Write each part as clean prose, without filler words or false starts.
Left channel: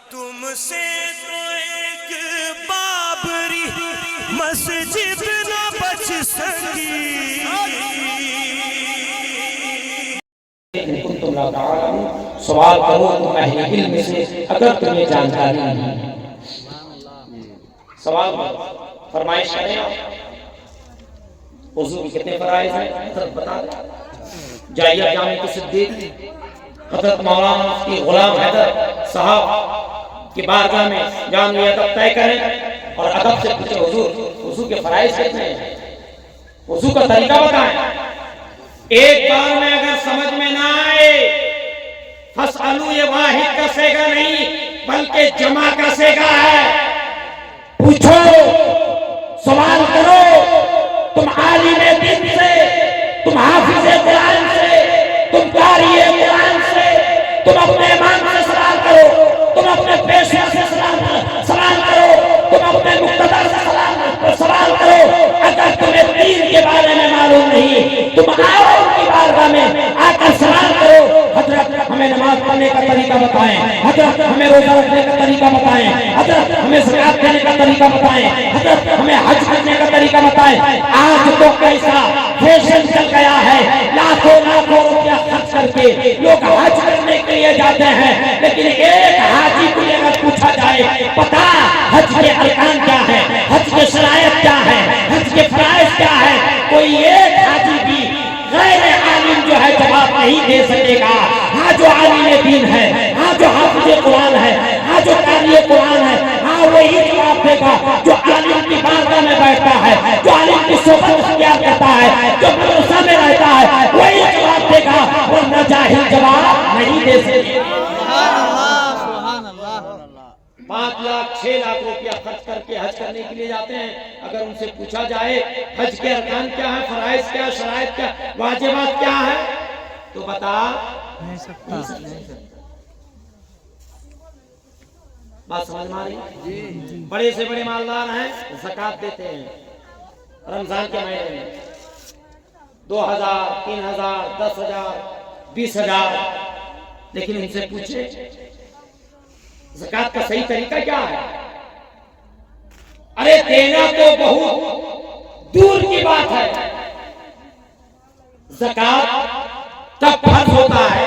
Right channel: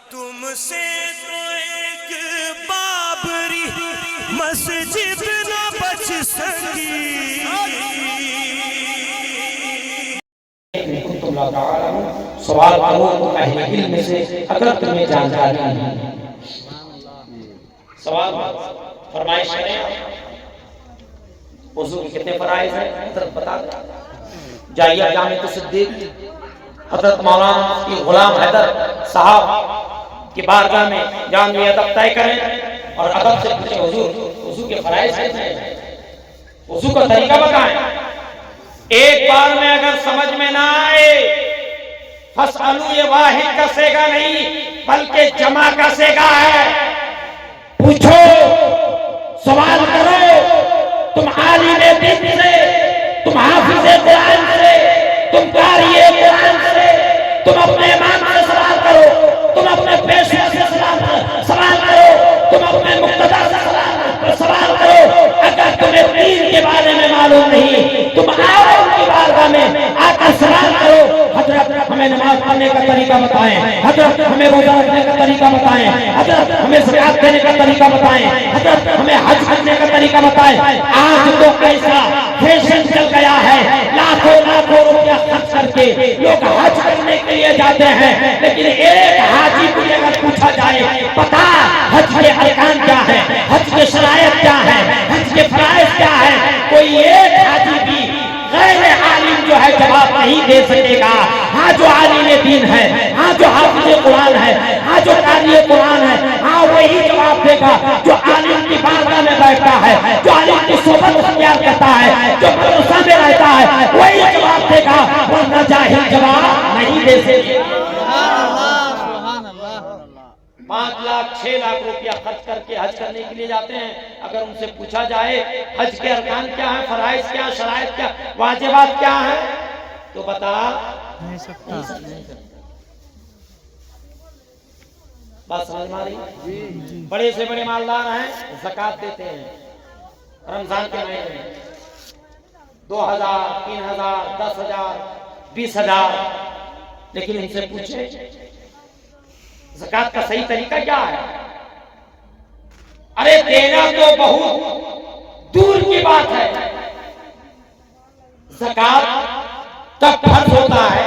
तुमसे तो एक बाबरी मस्जिद न बच सकी। सवाल करो तो अहले इल्म से अगर तुम्हें जानकारी नहीं। सवाल फरमाइश करें, वज़ू के कितने फराइज़ हैं हज़रत बता दें। जाइए जामे तो सिद्दीक हज़रत मौलाना मुफ्ती गुलाम हैदर साहब की बारगाह में जामी अदब तय करें और अदब से पूछे हुजूर वज़ू के फराइज़ कितने हैं, वज़ू का तरीका बताएं। एक बार में अगर समझ में ना आए फसअलू ये वाहिद का सेगा नहीं बल्कि जमा का सेगा है। पूछो, सवाल करो, तुम आलिम दीन से, तुम हाफिज़ कुरान से, तुम कारी कुरान से, तुम अपने इमाम से सवाल करो, तुम अपने पेशवा से सवाल करो, तुम अपने मुक्तदा से सवाल करो। अगर तुम्हें दीन के बारे में मालूम नहीं, तुम आओ उनकी बारगाह में आकर सवाल करो, हजरत हमें नमाज पढ़ने का तरीका बताएं, हजरत हमें रोजा रखने का तरीका बताएं, हजरत हमें ज़कात देने का तरीका बताएं, हजरत हमें हज करने का तरीका बताएं। आज तो ऐसा फैशन चल गया है, लाखों लाखों रुपया खर्च करके लोग हज करने के लिए जाते हैं, लेकिन एक हाजी को अगर पूछा जाए पता हज के अरकान क्या है, हज के शराइत क्या है, हज के फराइज़ क्या है, कोई एक हाजी भी गैर आलिम जो है जवाब नहीं दे सकेगा। हाँ जो आलिम दीन है, हाँ जो हाफिज़ कुरान है, हाँ जो कारी कुरान है, हाँ वही जवाब देगा जो आलिम की बारगाह में बैठता है, जो आलिम की सोबत अख्तियार करता है, जो मदरसा में रहता है, वही जवाब देगा, वरना जाहिल जवाब नहीं दे सकेगा। 5 लाख 6 लाख रुपया खर्च करके हज करने के लिए जाते हैं, अगर उनसे पूछा जाए हज के अरकान क्या है, फराइज़ क्या, शराइत क्या, वाजिबात क्या है, तो बता नहीं सकता। बात समझ में आ रही है? बड़े से बड़े मालदार हैं, ज़कात देते हैं रमजान के महीने में 2000, 3000, 10,000, 20,000, लेकिन उनसे पूछे ज़कात का सही तरीका क्या है? अरे देना तो बहुत दूर की बात है, ज़कात तब फर्ज होता है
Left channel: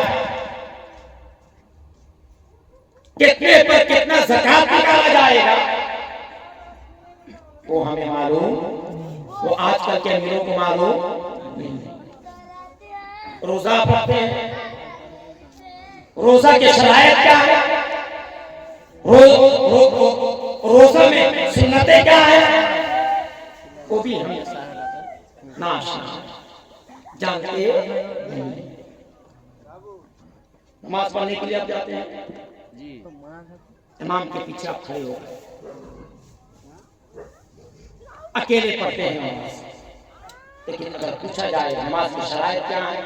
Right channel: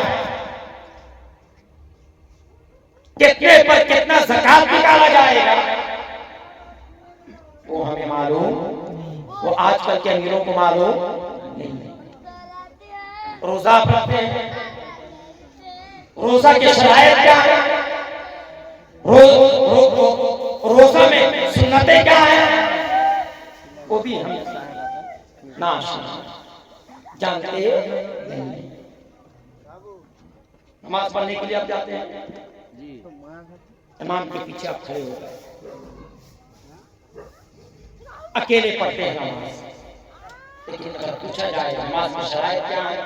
कितने पर कितना ज़कात निकाला जाएगा वो हमें मालूम, वो आजकल के अमीरों को मालूम नहीं। रोजा पढ़ते हैं, रोजा के शराइत क्या है, रोजा में सुन्नतें क्या है, वो भी हम नाशना जानते नहीं। नमाज पढ़ने के लिए आप जाते हैं, इमाम के पीछे आप खड़े हो गए, अकेले पढ़ते हैं नमाज, लेकिन अगर पूछा जाए नमाज की शराइत क्या है,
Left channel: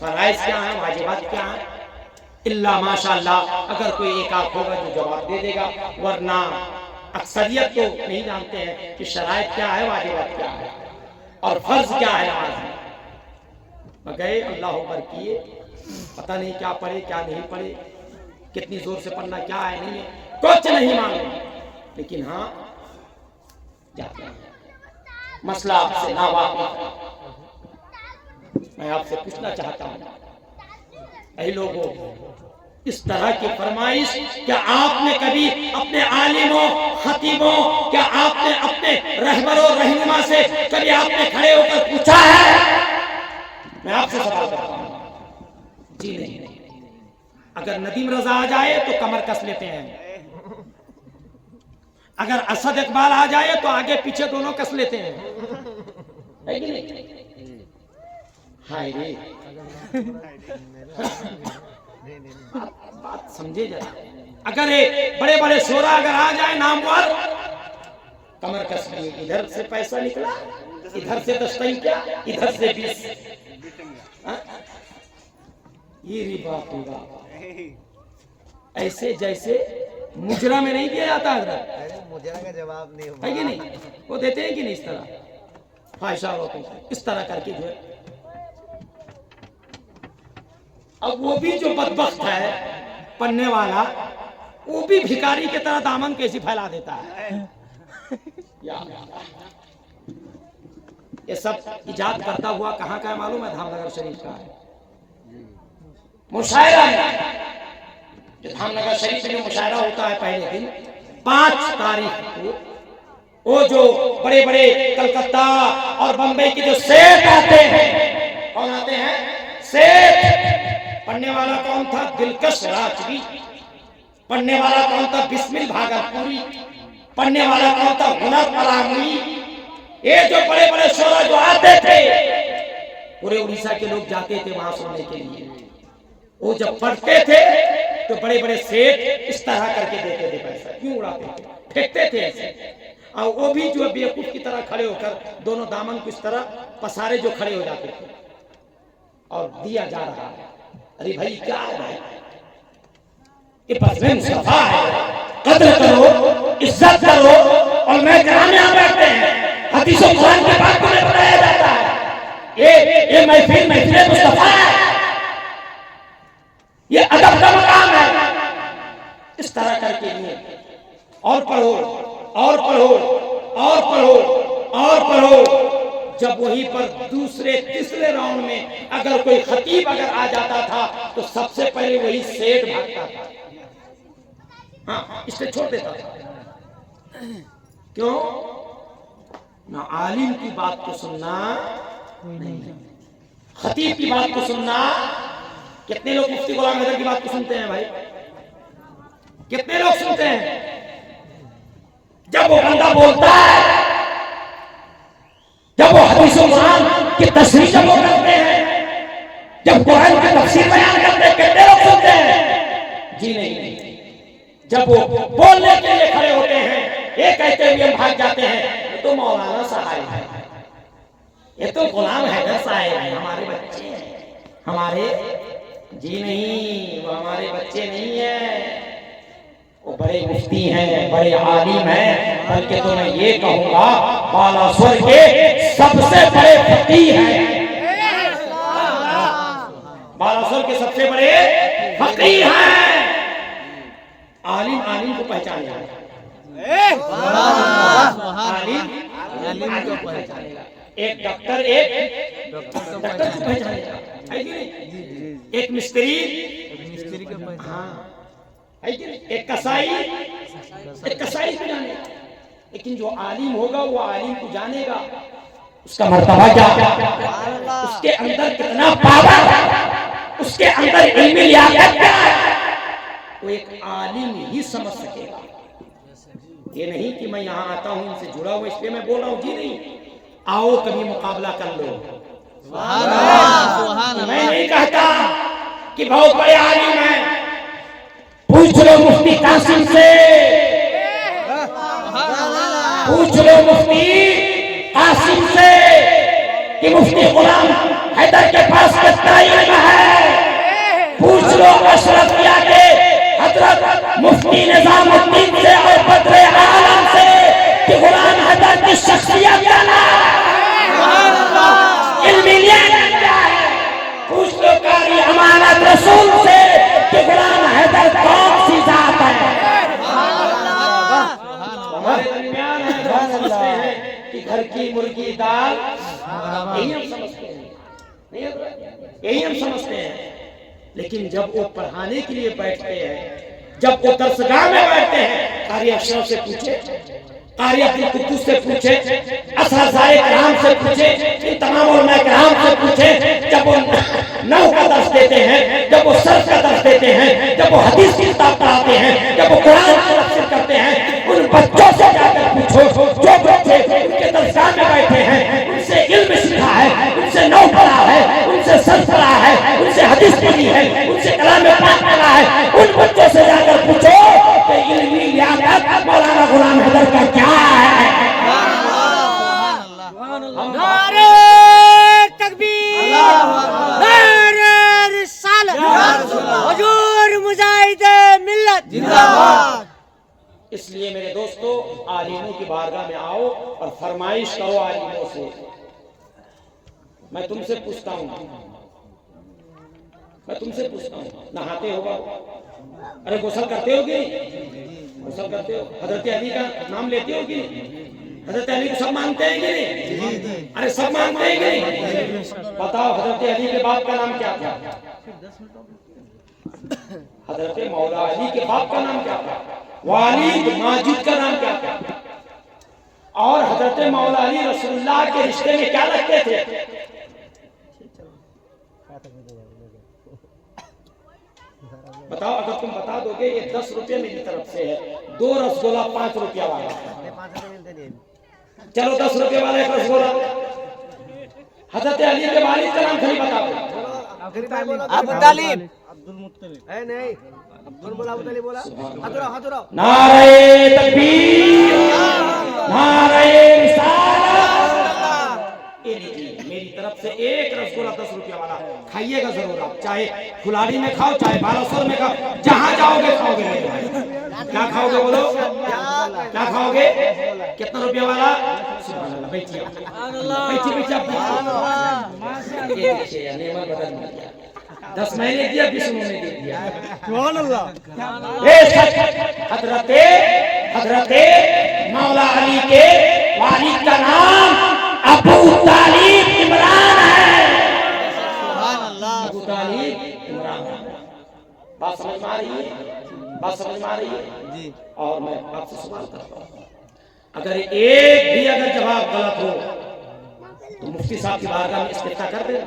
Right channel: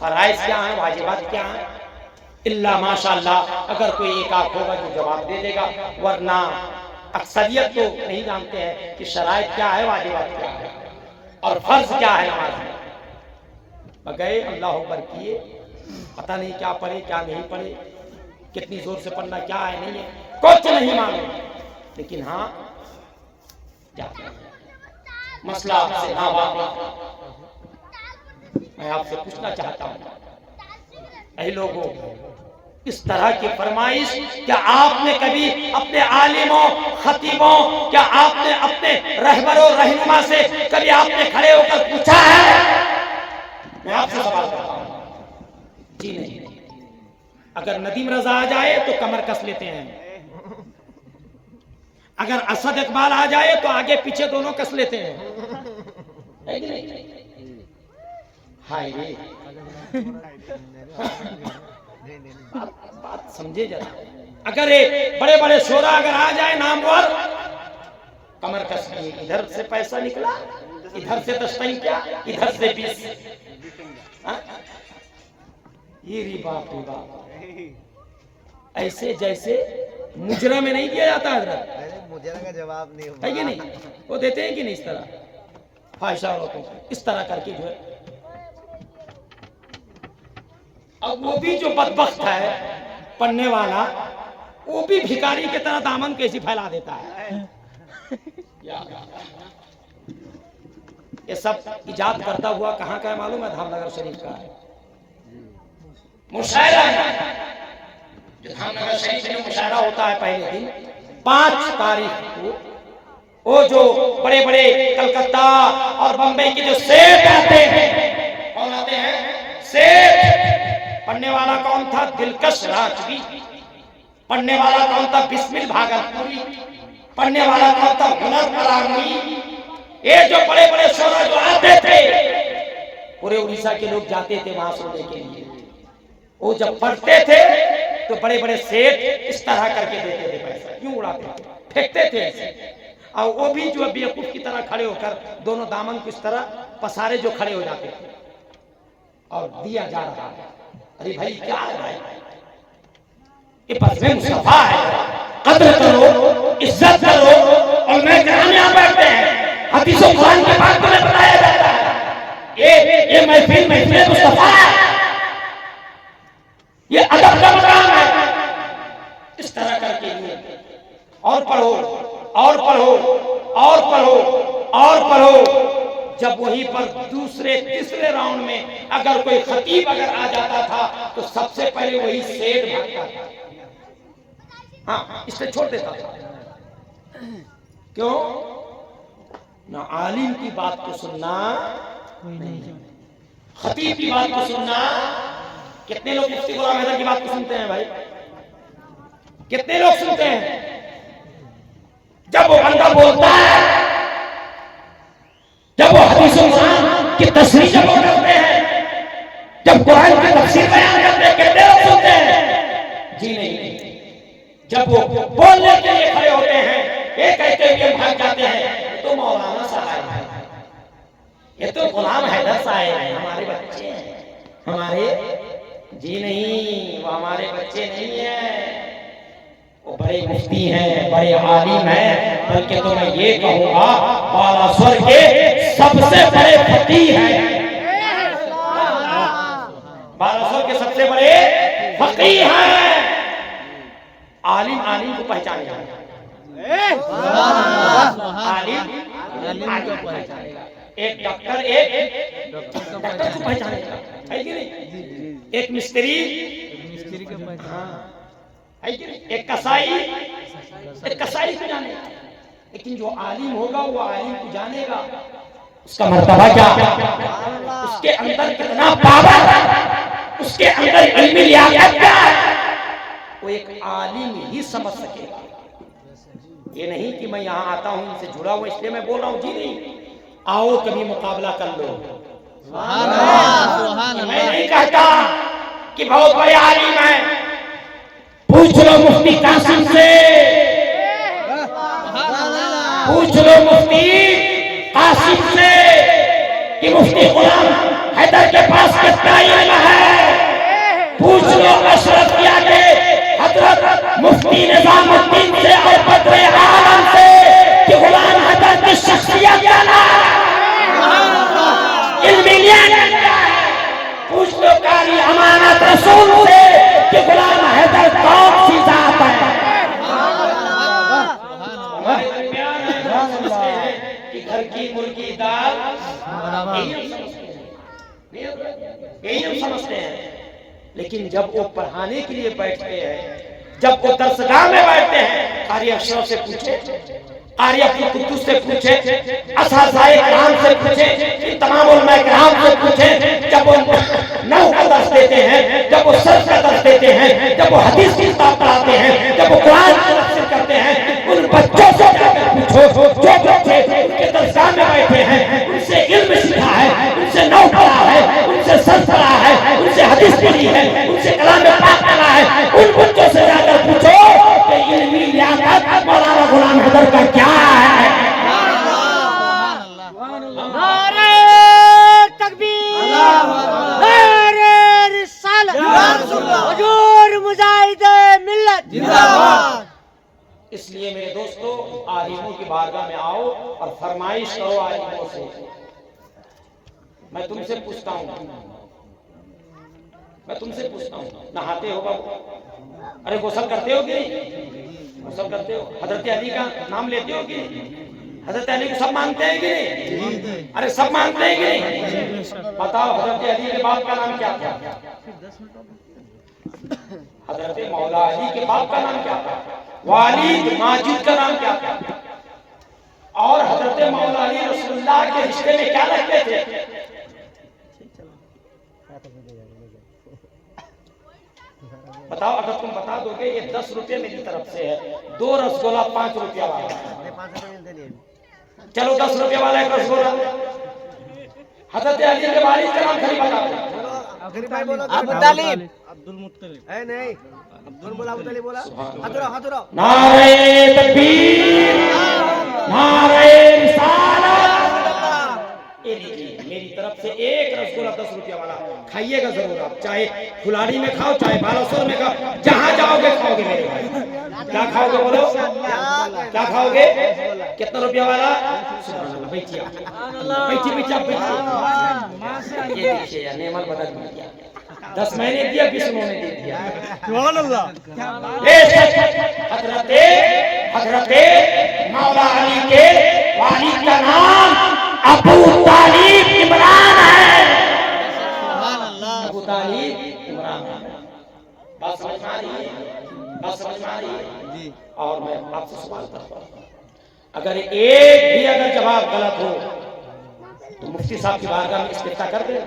फराइज़ क्या है, वाजिबात क्या है, इल्ला माशाअल्लाह अगर कोई एक आख होगा जो जवाब दे देगा, वरना अक्सरियत तो नहीं जानते हैं कि शराइत क्या है, वाजिबात क्या है और फर्ज क्या है नमाज में। गए अल्लाह अकबर किए, पता नहीं क्या पढ़े क्या नहीं पढ़े, कितनी जोर से पढ़ना क्या है नहीं है, कुछ नहीं मालूम, लेकिन हाँ जाते हैं। मसला आपसे ना वाकिफ, मैं आपसे पूछना चाहता हूँ, ऐ लोगों इस तरह की फरमाइश क्या आपने कभी अपने आलिमों, खतीबों, क्या आपने अपने रहबरों, रहनुमा से कभी आपने खड़े होकर पूछा है? मैं आपसे सवाल करता हूं, जी नहीं। अगर नदीम रजा आ जाए तो कमर कस लेते हैं, अगर असद इकबाल आ जाए तो आगे पीछे दोनों कस लेते हैं, है कि नहीं? हाय रे बात समझे जरा। अगर बड़े बड़े शोरा अगर आ जाए नामवर, कमर कस लिए, इधर से पैसा निकला, इधर से 10 टंकिया, इधर से 20। ये री बाप रे बाप, ऐसे जैसे मुजरा में नहीं दिया जाता हजरत, मुजरा का जवाब नहीं है कि नहीं, वो देते हैं कि नहीं, इस तरह फाहिशा औरतों को इस तरह करके जो है। अब वो भी जो बदबख्त है पढ़ने वाला, वो भी भिखारी की तरह दामन कैसी फैला देता है। ये सब इजाद करता हुआ कहाँ का है मालूम है? धामनगर शरीफ का है। मुशायरा जो धामनगर शरीफ में जो मुशायरा होता है पहले दिन 5 तारीख को, वो जो बड़े बड़े कलकत्ता और बंबई के जो सेठ आते हैं, कौन आते हैं? सेठ। पढ़ने वाला कौन था? दिलकश राजवी। पढ़ने वाला कौन था? बिस्मिल भागलपुरी। पढ़ने वाला कौन था? हुनर परामुई। ये जो बड़े बड़े शोरा जो आते थे, पूरे उड़ीसा के लोग जाते थे वहां सुनने के लिए। वो जब पढ़ते थे तो बड़े बड़े सेठ इस तरह करके देते थे पैसा, क्यों उड़ाते थे, फेंकते थे ऐसे। और वो भी जो बेवकूफ की तरह खड़े होकर दोनों दामन को इस तरह पसारे जो खड़े हो जाते थे और दिया जा रहा है। अरे भाई क्या है भाई, ये बज़्म मुस्तफा है, कद्र करो, इज्जत करो। और मैं कराने यहाँ बैठते हैं, हदीस और कुरान की बात तुम्हें बताया जाता है। ये महफिल मुस्तफा है, ये अदब का मकाम है। इस तरह करके लिए और पढ़ो और पढ़ो और पढ़ो और पढ़ो। जब वहीं पर दूसरे तीसरे राउंड में अगर कोई खतीब अगर आ जाता था तो सबसे पहले वही सेठ भागता था, हाँ इसलिए छोड़ देता था। क्यों? ना आलिम की बात को सुनना, खतीब की बात को सुनना। कितने लोग मुफ्ती गुलाम हैदर की बात को सुनते हैं भाई? कितने लोग सुनते हैं? जब वो बंदा बोलता है, जब वो हदीस कुरान की तशरीह जब वो करते हैं, जब कुरान की तफसीर बयान करते हैं, कितने लोग सुनते हैं? जी नहीं। जब वो बोलने के लिए खड़े होते हैं, ये कहते हुए हम भाग जाते हैं, ये तो मौलाना साहब है, ये तो गुलाम हैदर साहब है, हमारे बच्चे हैं, हमारे। जी नहीं, वो हमारे बच्चे नहीं है, वो बड़े मुफ्ती हैं, बड़े आलिम हैं, बल्कि तो मैं ये कहूंगा बालासुर के सबसे बड़े फकीह हैं। बालासुर के सबसे बड़े फकीह हैं। आलिम आलिम को पहचानेगा, आलिम आलिम को पहचानेगा। एक डॉक्टर एक डॉक्टर को पहचानेगा, है कि नहीं? एक मिस्त्री हाँ है कि नहीं? एक कसाई को जानेगा। लेकिन जो आलिम होगा वो आलिम को जानेगा, उसका मर्तबा क्या, उसके अंदर कितना पावर है, उसके अंदर इल्मी लियाकत क्या है, वो एक आलिम ही समझ सकेगा। ये नहीं कि मैं यहाँ आता हूँ इनसे जुड़ा हुआ इसलिए मैं बोल रहा हूँ। जी नहीं, आओ कभी मुकाबला कर लो। मैं नहीं कहता कि बहुत बड़े आलिम हैं, पूछ लो मुफ्ती कासिम से, पूछ लो मुफ्ती कासिम से कि मुफ्ती गुलाम हैदर के पास कितना इल्म है। पूछ लो अशरफिया के हजरत मुफ्ती निजामुद्दीन से और बद्रे आलम से कि गुलाम हैदर की शख्सियत क्या है, इल्मी लियाकत क्या है। पूछ लो कारी अमानत रसूल से कि गुलाम हैदर कौन सी जात है। हमारे दरमियान है, हम समझते हैं कि घर की मुर्गी दाल, यही हम समझते हैं, यही हम समझते हैं। लेकिन जब वो पढ़ाने के लिए बैठते हैं, जब वो दरसगाह में बैठते हैं, कारी अफसर से पूछे, कारी अब्दुल कुद्दूस से पूछे, असातिज़ाए किराम से पूछे, इन तमाम उलमाए किराम से पूछे। जब वो नहव का दर्स देते हैं, जब वो सर्फ का दर्स देते हैं, जब वो हदीस की किताब पढ़ाते हैं, जब वो कुरान की तफसीर करते हैं, उन बच्चों से जाकर पूछो जो बच्चे उनके दरसगाह में बैठे हैं, उनसे इल्म सीखा है, उनसे नहव पढ़ा है, उनसे सर्फ पढ़ा है, उनसे हदीस पढ़ी है, उनसे कलाम पाक पढ़ा है, उन बच्चों से जाकर पूछो कि इल्मी लियाकत मौलाना गुलाम हैदर का क्या है। नारे तकबीर, नारे रिसालत, हुजूर मुजाहिदे मिल्लत जिंदाबाद। इसलिए मेरे दोस्तों, आलिमों की बारगाह में आओ और फरमाइश करो आलिमों से। मैं तुमसे पूछता हूँ, नहाते हो बाबू? अरे गुस्ल करते हो कि नहीं? गुस्ल करते हो? हजरत अली का नाम लेते हो कि नहीं? हजरत अली को सब मानते हैं कि नहीं? अरे सब मानते हैं कि नहीं? बताओ हजरत अली के बाप का नाम क्या था? हजरत मौला अली के बाप का नाम क्या था? वालिद माजिद का नाम क्या था? और हजरत मौला अली रसूलुल्लाह के रिश्ते में क्या लगते थे? बताओ, अगर तुम बता दोगे ये 10 रुपये मेरी तरफ से है, 2 रसगुल्ला 5 रुपया वाला, चलो 10 रुपये वाला एक रसगुल्ला। हजरत अली के वालिद का नाम खाली बता दो। अबू तालिब। अब्दुल मुत्तलिब। नहीं, अब्दुल बोला, अबू तालिब बोला। हाथ उठाओ। नारे तकबीर, नारे रिसालत। ये लीजिए मेरी तरफ से एक रसगुल्ला 10 रुपया वाला, खाइएगा जरूर आप, चाहे फुलाड़ी में खाओ चाहे बालासोर में खाओ, जहां जाओगे खाओगे मेरे भाई। क्या खाओगे बोलो, क्या खाओगे? कितना रुपया वाला? सुभान अल्लाह। बैठिए बैठिए बैठिए आप बैठिए। ये देखिए यार नेमल बदल मिल गया, 10 मैंने दिया 20 उन्होंने दे दिया। हजरते मौला अली के वालिद का नाम अबू तालिब इमरान है। अबू तालिब इमरान। बात समझ में आ रही है? बात समझ में आ रही है जी। और मैं आपसे सवाल करता हूँ, अगर एक भी अगर जवाब गलत हो तो मुफ्ती साहब की बारगाह में इस्तिफ्ता कर देना,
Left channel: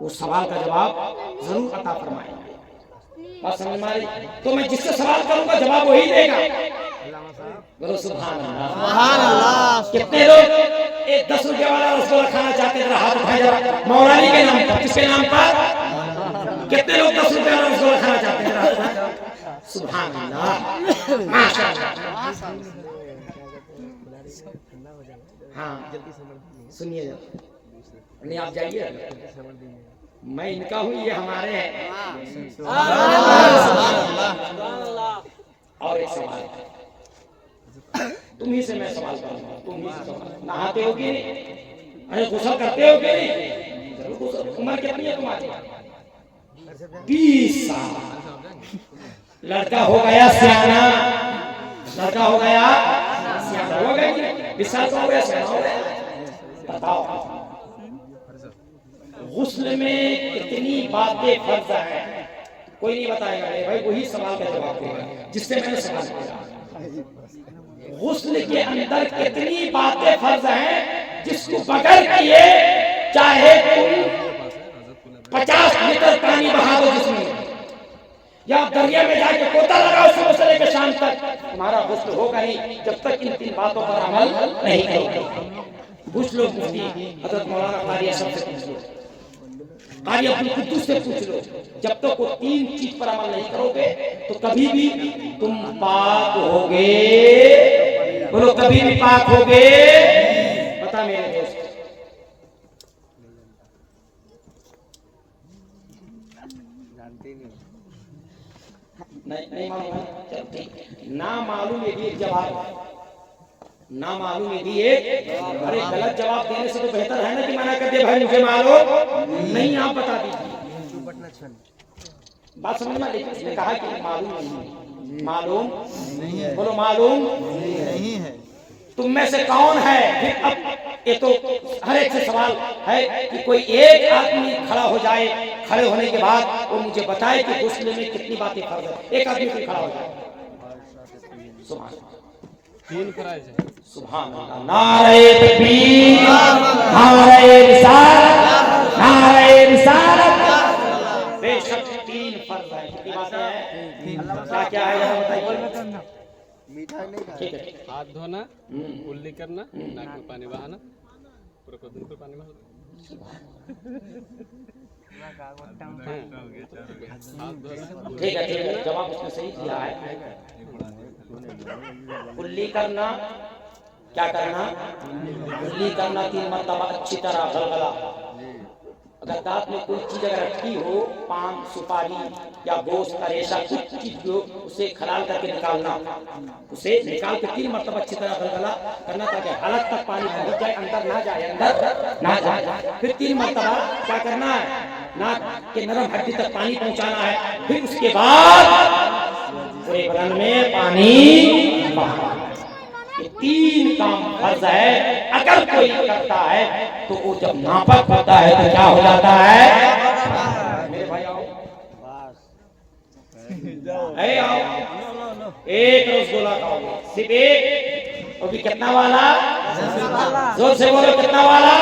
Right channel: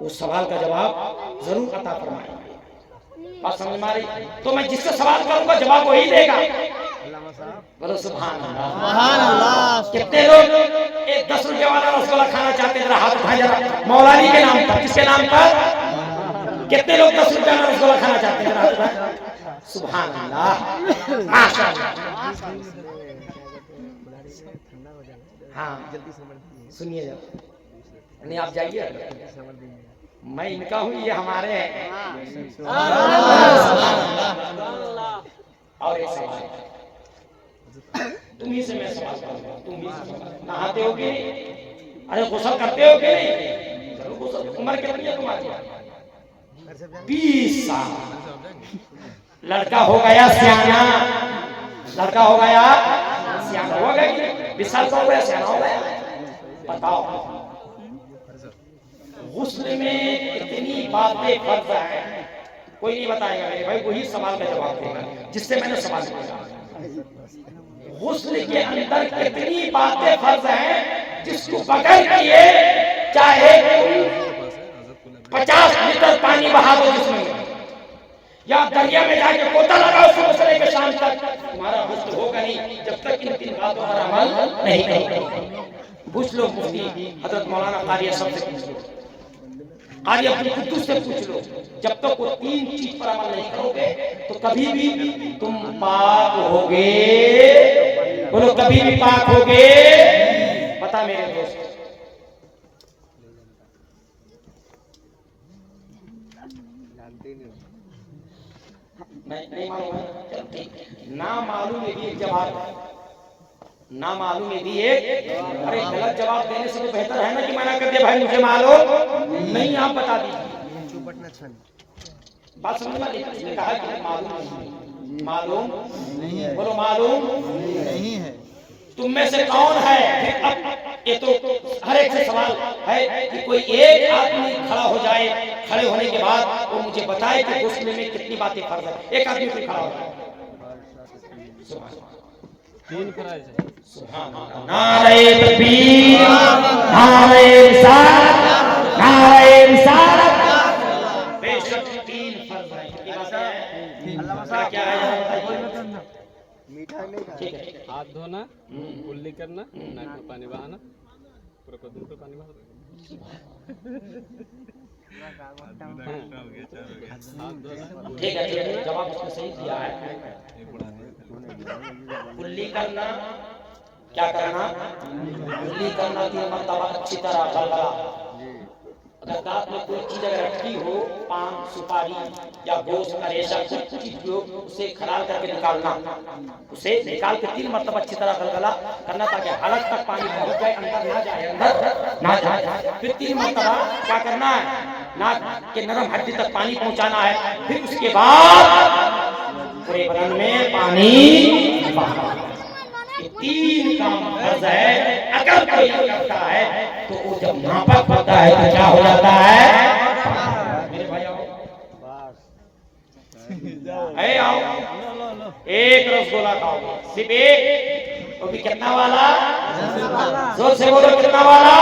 उस सवाल का जवाब जरूर अता फरमाएंगे। बात समझ में आ रही? तो मैं जिससे सवाल करूंगा जवाब वही देगा। बोलो सुभान अल्लाह, सुभान अल्लाह। कितने लोग एक 10 रुपये वाला रसगुल्ला खाना चाहते हैं? जरा हाथ उठाएं जरा, मौलानी के नाम पर। किसके नाम पर? कितने लोग 10 रुपये वाला रसगुल्ला खाना चाहते हैं? जरा हाथ उठाएं। सुभान अल्लाह, माशाअल्लाह। हाँ सुनिए जरा, नहीं आप जाइए, मैं इनका हूँ ये हमारे हैं। और एक सवाल तुम ही से मैं सवाल करूंगा, तुम ही से सवाल। नहाते हो कि नहीं? अरे गुस्ल करते हो कि नहीं? जरूर गुस्ल। उम्र कितनी है तुम्हारी? 20 साल। लड़का हो गया सियाना, लड़का हो गया सियाना, हो गया 20 साल का हो गया सियाना हो गया। बताओ गुस्ल में कितनी बातें फर्ज हैं? कोई नहीं बताएगा मेरे भाई, वही सवाल का जवाब देगा जिससे मैंने सवाल किया। गुस्ल के अंदर कितनी बातें फर्ज हैं जिसको बगैर किए चाहे तुम 50 लीटर पानी बहा दो जिसमें, या दरिया में जाके गोता लगाओ सुबह से लेकर शाम तक, तुम्हारा गुस्ल होगा नहीं जब तक इन 3 बातों पर अमल नहीं करोगे। पूछ लो मुफ्ती हजरत मौलाना कारी असद से पूछ लो, कारी अब्दुल कुद्दूस से पूछ लो, जब तक वो 3 चीज पर अमल नहीं करोगे तो कभी भी तुम पाक होगे। बोलो कभी भी पाक होगे? बता मेरे दोस्त। नहीं मालूम है? चलो ठीक, ना मालूम ये भी एक जवाब है, ना मालूम ये भी एक। अरे गलत जवाब देने से तो बेहतर है ना कि मना कर दिया भाई मुझे मालूम नहीं, आप बता दीजिए। बात समझ में? लेकिन उसने कहा कि मालूम नहीं है, मालूम नहीं है। बोलो मालूम नहीं है। तुम में से कौन है? फिर अब ये तो हर एक से सवाल है कि कोई एक आदमी खड़ा हो जाए, खड़े होने के बाद वो मुझे बताए कि गुस्ल में कितनी बातें फर्ज है। एक आदमी कोई खड़ा हो जाए। सुभान सुभान अल्लाह। नारे तकबीर, नारे रिसालत, नारे रिसालत। बेशक 3 फर्ज है। कितनी बातें हैं? क्या है जरा बताइए। ठीक है, हाथ धोना, कुल्ली करना, नाक में पानी बहाना, पूरा कदम पे पानी बहाना। ठीक है, जवाब उसने सही दिया है। कुल्ली करना, क्या करना? कुल्ली करना 3 मरतबा अच्छी तरह गलगला। अगर दांत में कोई चीज अगर अटकी हो, पान सुपारी या गोश्त का रेशा कुछ चीज हो, उसे खलाल करके निकालना, उसे निकाल के 3 मरतबा अच्छी तरह गलगला करना ताकि हलक तक पानी पहुंच जाए, अंदर ना जाए, अंदर ना जाए। फिर 3 मरतबा क्या करना है? नाक के नरम हड्डी तक पानी पहुंचाना है, फिर उसके बाद पूरे बदन में पानी बहाना है। ये 3 काम फर्ज है। अगर कोई करता है तो वो जब नापाक होता है तो क्या हो जाता है? मेरे भाई आओ, आओ, एक रसगुल्ला खाओगे, सिर्फ एक, वो भी कितना वाला? जोर से बोलो, कितना वाला?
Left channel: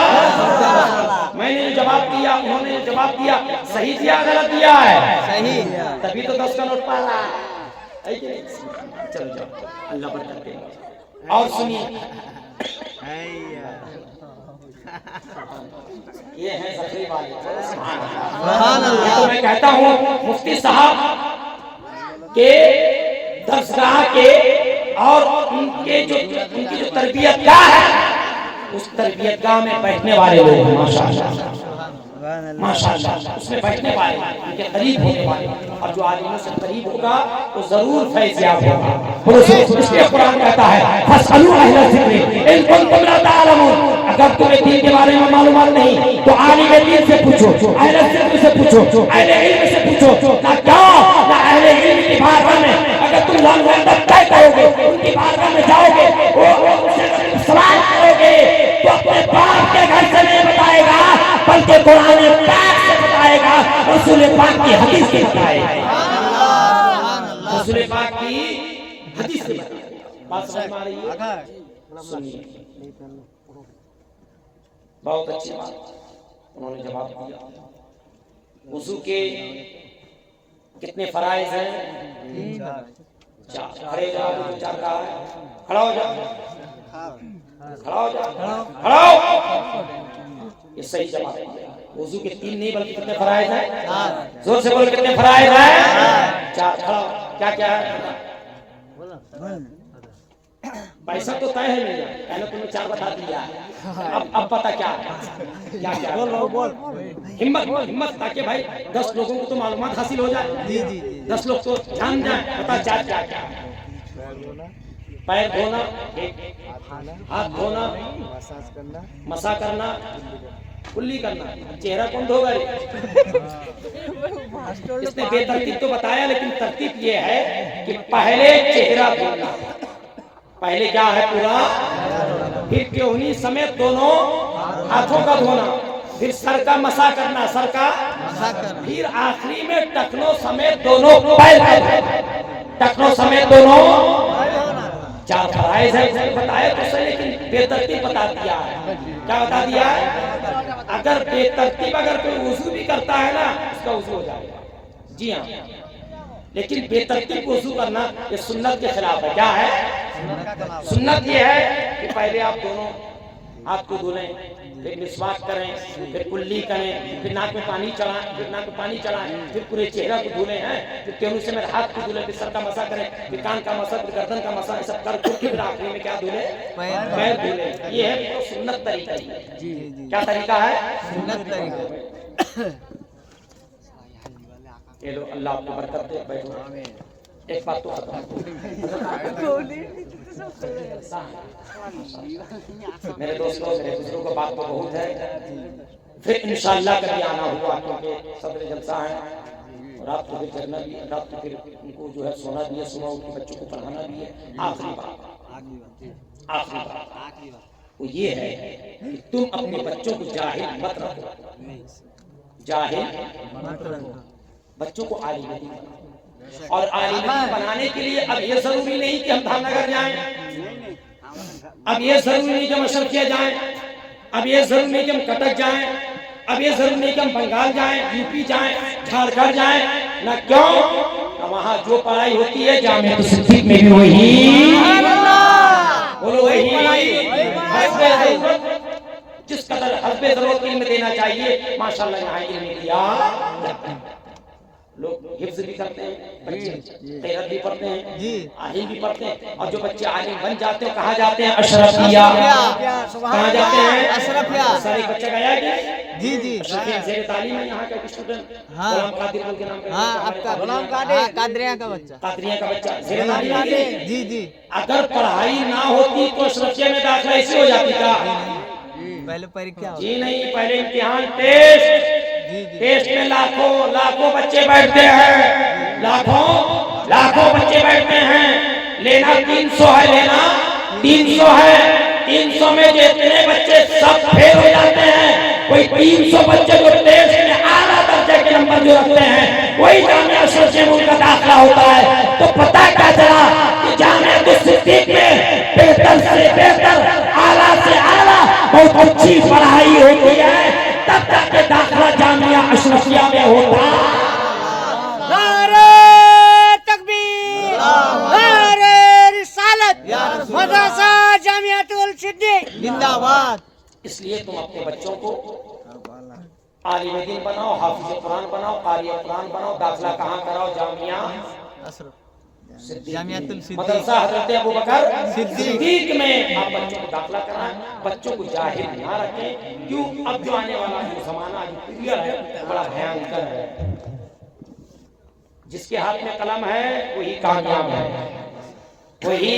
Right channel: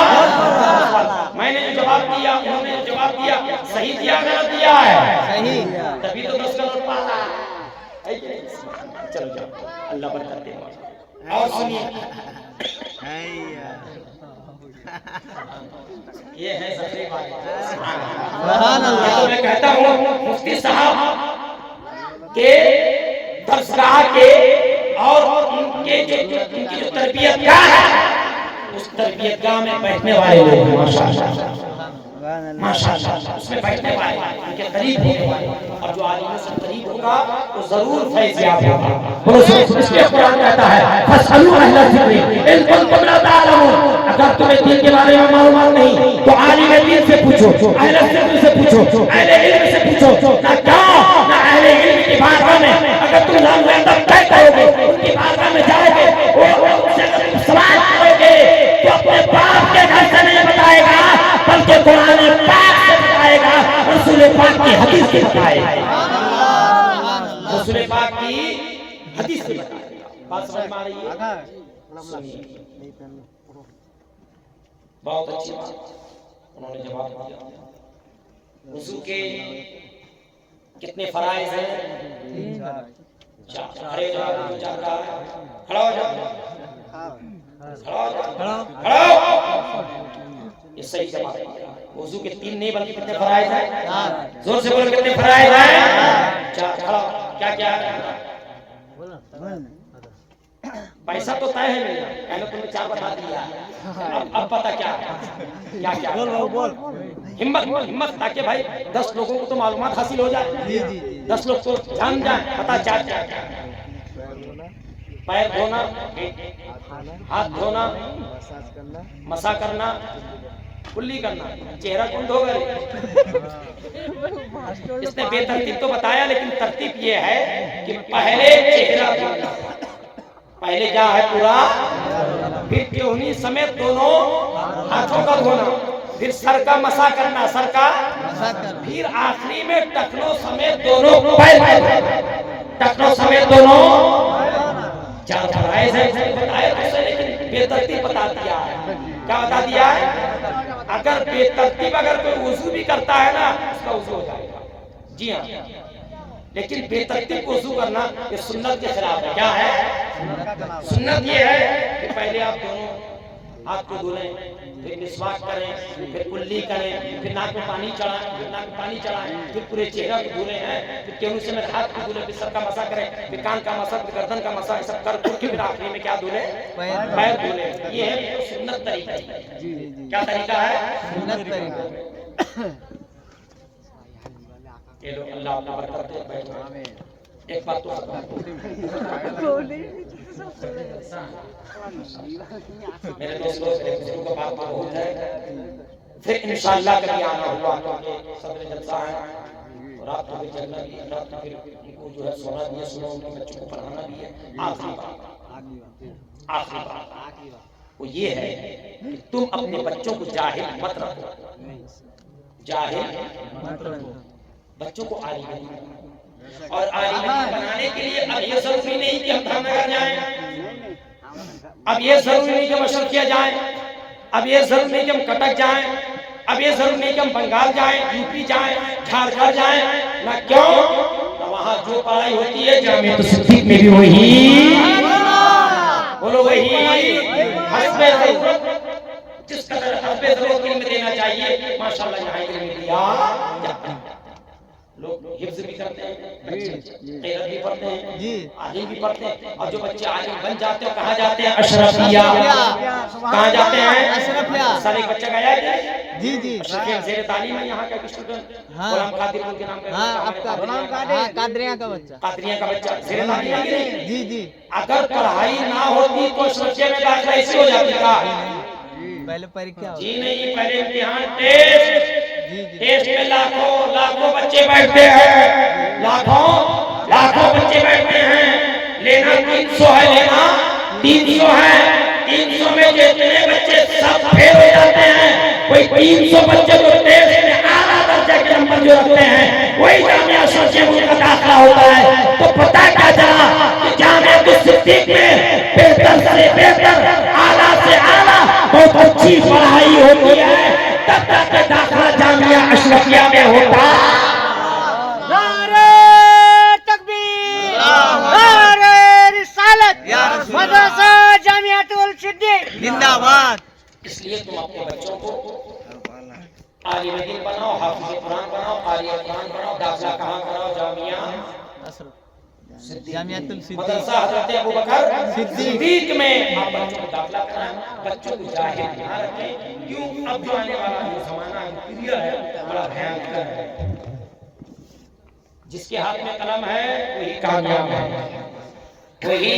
मैंने जो जवाब दिया, उन्होंने जो जवाब दिया, सही दिया गलत दिया है? सही। तभी तो 10 का नोट पा रहा है कि नहीं? चलो जाओ, अल्लाह बरकत दे। और सुनिए, ये है सफरी वाले। तो मैं कहता हूँ मुफ्ती साहब के दरसगाह के और उनकी जो तरबियत गाह है, उस तरबियत गाह में बैठने वाले लोग हैं माशाअल्लाह, माशाअल्लाह, उसमें बैठने वाले, उनके करीब होने वाले, और जो आलिमों से करीब होगा वो जरूर फैज़याब होगा। इसलिए कुरान कहता है फस्अलू अहला ज़िक्रि इन कुंतुम ला ताअलमून, अगर तुम्हें दीन के बारे में मालूम नहीं तो आलिम दीन से पूछो, अहले ज़िक्र से पूछो, अहले इल्म से पूछो। ना क्या ना अहले इल्म की बारगाह में अगर तुम जाओगे तब तय करोगे, उनकी बारगाह में जाओगे, वो उनसे सवाल करोगे तो अपने बाप के घर से नहीं बताएगा, बल्कि कुरान पाक से बताएगा, रसूल पाक की हदीस से बताएगा, रसूल पाक की हदीस से बताएगा। बात समझ में आ रही है? सुनिए, बहुत अच्छी बात उन्होंने जवाब दिया। वुज़ू के कितने फराइज हैं? 4। खड़े हो जाओ, जो 4 का है, खड़ा हो जाओ, खड़ा हो जाओ, खड़ा हो। ये सही जवाब दिया। वुज़ू के 3 नहीं बल्कि कितने फराइज हैं? 4। जोर से बोलो, कितने फराइज हैं? 4। खड़ा हो। क्या क्या है? पैसा तो तय है मेरा, मैंने तुम्हें 4 बता दिया। अब पता क्या है? क्या क्या बोल। हिम्मत, ताकि भाई 10 लोगों को तो मालूमात हासिल हो जाए, 10 लोग तो जान जाए, पता क्या क्या क्या है। पैर धोना, हाथ धोना, मसा करना, कुल्ली करना। चेहरा कौन धोगा? इसने बेतरतीब तो बताया, लेकिन तरतीब ये है कि पहले चेहरा धोना, पहले क्या है? पूरा, फिर केहूनी समेत दोनों हाथों का धोना, फिर सर का मसा करना, सर का, फिर आखिरी में टखनों समेत दोनों पैर का धोना, टखनों समेत दोनों। 4 फराइज है बताया तो सही, लेकिन बेतरतीब बता दिया है। क्या बता दिया है? अगर बेतरतीब अगर कोई वुज़ू भी करता है ना, उसका वुज़ू हो जाएगा। जी हाँ, लेकिन बेतरतीब वुज़ू करना ये सुन्नत के खिलाफ है। क्या है? सुन्नत ये है कि पहले आप दोनों हाथ को धुलें, फिर मिसवाक करें, फिर कुल्ली करें, फिर नाक में पानी चढ़ाएं, फिर पूरे चेहरा को धुलें हैं, फिर केहू से मेरे हाथ को धुलें, फिर सर का मसा करें, फिर कान का मसा, फिर गर्दन का मसा, सब कर के फिर आखिरी में क्या धुलें? पैर धुलें। ये है पूरा सुन्नत तरीका ही। क्या तरीका है? सुन्नत तरीका। ये लो, अल्लाह आपको बरकत दे। बैठो। एक बात तो खत्म, मेरे दोस्तों, मेरे बुजुर्गों का बात तो बहुत है। फिर इंशाअल्लाह कभी आना हुआ, क्योंकि सदर जलसा है और आप तो फिर जगना भी है, रात तो फिर उनको जो है सोना भी है, सुबह उनके बच्चों को पढ़ाना भी है। आखिरी बात वो ये है कि तुम अपने बच्चों को जाहिल मत रखो, जाहिल मत रखो, बच्चों को आलिम बनाओ। और आलिम बनाने के लिए अब ये जरूरी नहीं कि हम धामनगर जाएं, अब ये जरूरी नहीं कि हम अशरफिया जाएं, अब ये जरूरी नहीं कि हम कटक जाएं, अब ये जरूरी नहीं कि हम बंगाल जाएं, यूपी जाएं, झारखंड जाएं। ना क्यों? ना वहाँ जो पढ़ाई होती है जामिया सिद्दीक में भी वही, बोलो वही हस्बे ज़रूरत, जिस कदर हस्बे ज़रूरत इल्म देना चाहिए, माशाअल्लाह यहाँ इल्म दिया जाता है। लोग हिफ्ज़ भी करते हैं, बच्चे क़िरात भी पढ़ते हैं, आलिम भी पढ़ते हैं, और जो बच्चे आलिम बन जाते हैं कहाँ जाते हैं? अशरफिया। कहाँ जाते हैं? अशरफिया। साल एक बच्चा गया है जी अशरफिया ज़ेरे तालीम है यहाँ का एक स्टूडेंट, गुलाम कादिर बोल के नाम का, कादरिया का बच्चा ज़ेरे तालीम है जी। अगर पढ़ाई ना होती तो अशरफिया में दाखिला ऐसी हो जाती था? पहले परीक्षा? जी नहीं, पहले इम्तिहान, टेस्ट, टेस्ट में लाखों बच्चे बैठते हैं, लाखों बच्चे बैठते हैं। लेना 300 है, लेना 300 है। 300 में जितने बच्चे सब फेल हो जाते हैं, वही 300 बच्चे जो टेस्ट में आला दर्जे के नंबर जो रखते हैं, वही जामिया अशरफिया का दाखिला होता है। तो पता क्या चला कि जामिया सिद्दीक में बेहतर से बेहतर, आला से आला बहुत अच्छी पढ़ाई होती है, तब जाके दाखिला जामिया अशरफिया में होता है। नारे तकबीर, नारे रिसालत, मदरसा जामियातुल सिद्दीक जिंदाबाद। इसलिए तुम अपने बच्चों को आलिम दीन बनाओ, हाफिज कुरान बनाओ, कारी कुरान बनाओ। दाखिला कहाँ कराओ? जामिया मदरसा हजरत अबू बकर सिद्दीक में आप बच्चों को दाखिला कराएं। बच्चों को जाहिल ना रखें। क्यों? अब जो आने वाला जो जमाना, जो पीरियड है, बड़ा भयंकर है। जिसके हाथ में कलम है वही कामयाब है, वही